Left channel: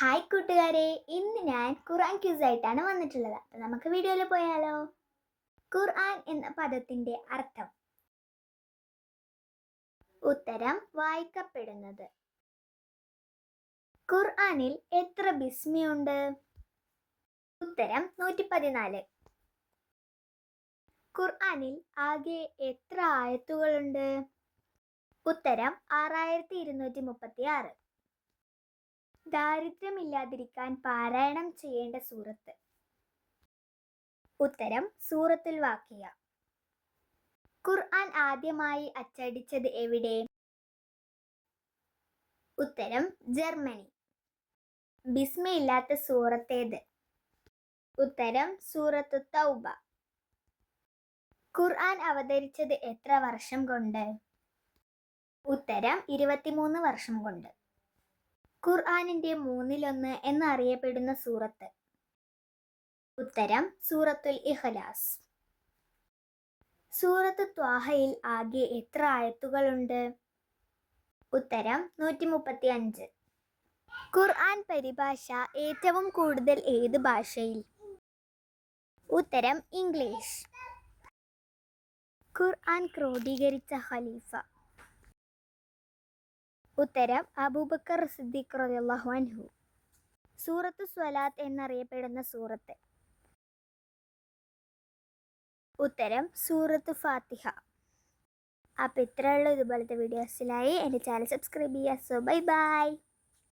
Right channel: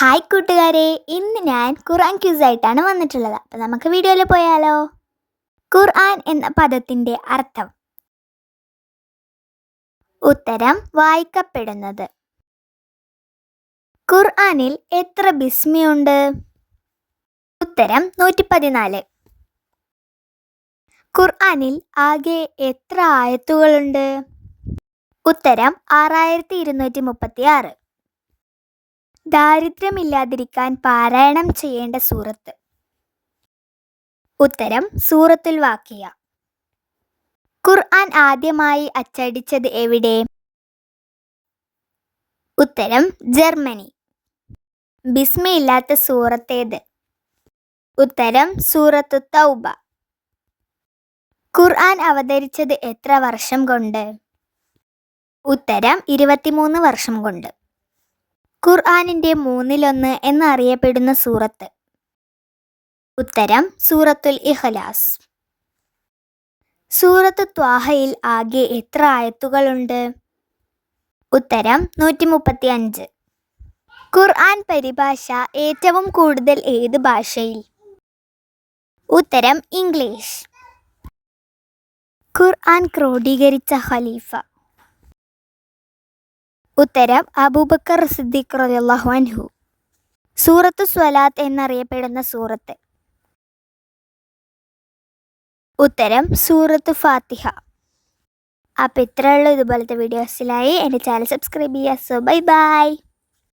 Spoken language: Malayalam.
ഹായ് കൂട്ടുകാരെ, ഇന്ന് ഞാൻ ഖുർആൻ ക്യൂസായിട്ടാണ് വന്നിട്ടുള്ളത്. അപ്പം നമുക്ക് വീഡിയോയിൽ പോയാലോ? ഖുർആൻ എന്ന പദത്തിൻ്റെ അർത്ഥം. ഉത്തരം വായിക്കപ്പെടുന്നത്. ഖുർആനിൽ എത്ര ബിസ്മിയുണ്ട്? ഉത്തരം 114. ഖുർആനിൽ ആകെ എത്ര ആയത്തുകളുണ്ട്? ഉത്തരം 6236. ദാരിദ്ര്യമില്ലാതിരിക്കാൻ പാരായണം ചെയ്യേണ്ട സൂറത്ത്. ഉത്തരം സൂറത്തുൽ വാഖിയ. ഖുർആൻ ആദ്യമായി അച്ചടിച്ചത് എവിടെ? ഉത്തരം ജർമ്മനി. ബിസ്മിയില്ലാത്ത സൂറത്തേത്? ഉത്തരം സൂറത്തു തൗബ. ഖുർആൻ അവതരിച്ചത് എത്ര വർഷം കൊണ്ട്? ഉത്തരം 23 വർഷം കൊണ്ട്. ഖുർആനിൻ്റെ 1/3 എന്നറിയപ്പെടുന്ന സൂറത്ത്? ഉത്തരം സൂറത്തുൽ ഇഖ്ലാസ്. സൂറത്തു ത്വാഹയിൽ ആകെ എത്ര ആയത്തുകളുണ്ട്? ഉത്തരം 135. ഖുർആൻ പരിഭാഷ ഏറ്റവും കൂടുതൽ ഏത് ഭാഷയിൽ? ഉത്തരം ഇംഗ്ലീഷ്. ഖുർആൻ ക്രോഡീകരിച്ച ഖലീഫ? ഉത്തരം അബൂബക്കർ സിദ്ദീഖ് റളിയല്ലാഹു അൻഹു. സൂറത്തു സ്വലാത്ത് എന്നറിയപ്പെടുന്ന സൂറത്ത്? ഉത്തരം സൂറത്തു ഫാത്തിഹ. അപ്പോൾ ഇത്രയുള്ള ഇതുപോലത്തെ വീഡിയോസിലായി എൻ്റെ ചാനൽ സബ്സ്ക്രൈബ് ചെയ്യുക. So bye bye.